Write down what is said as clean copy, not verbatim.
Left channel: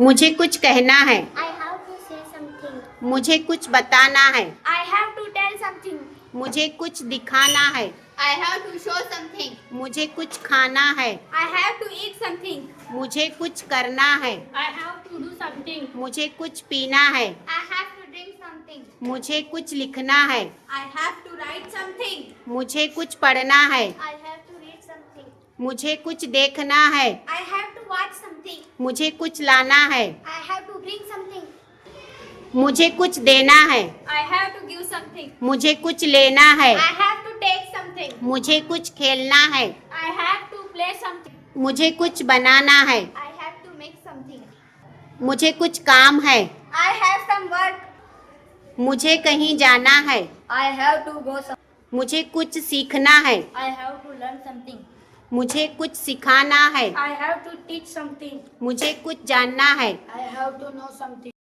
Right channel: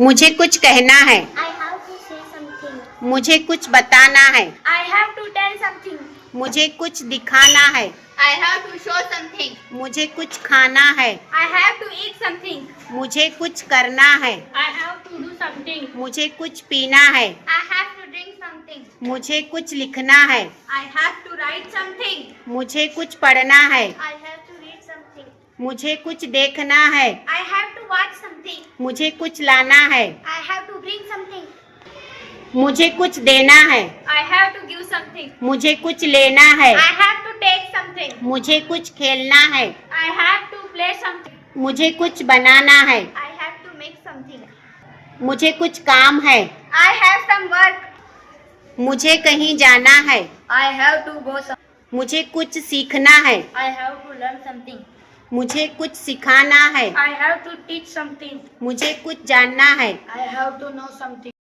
मुझे कुछ कहना है। I have to say something. मुझे कुछ बताना है। I have to tell something. मुझे कुछ दिखाना है। I have to show something. मुझे कुछ खाना है। I have to eat something. मुझे कुछ करना है। I have to do something. मुझे कुछ पीना है। I have to drink something. मुझे कुछ लिखना है। I have to write something. मुझे कुछ पढ़ना है। I have to read something. मुझे कुछ देखना है। I have to watch something. मुझे कुछ लाना है। I have to bring something. मुझे कुछ देना है। I have to give something. मुझे कुछ लेना है। I have to take something. मुझे कुछ खेलना है। I have to play something. मुझे कुछ बनाना है। I have to make something. मुझे कुछ काम है। I have some work. मुझे कहीं जाना है। I have to go some. मुझे कुछ सीखना है। I have to learn something. मुझे कुछ सिखाना है। I have to teach something. मुझे कुछ जानना है। I have to know something.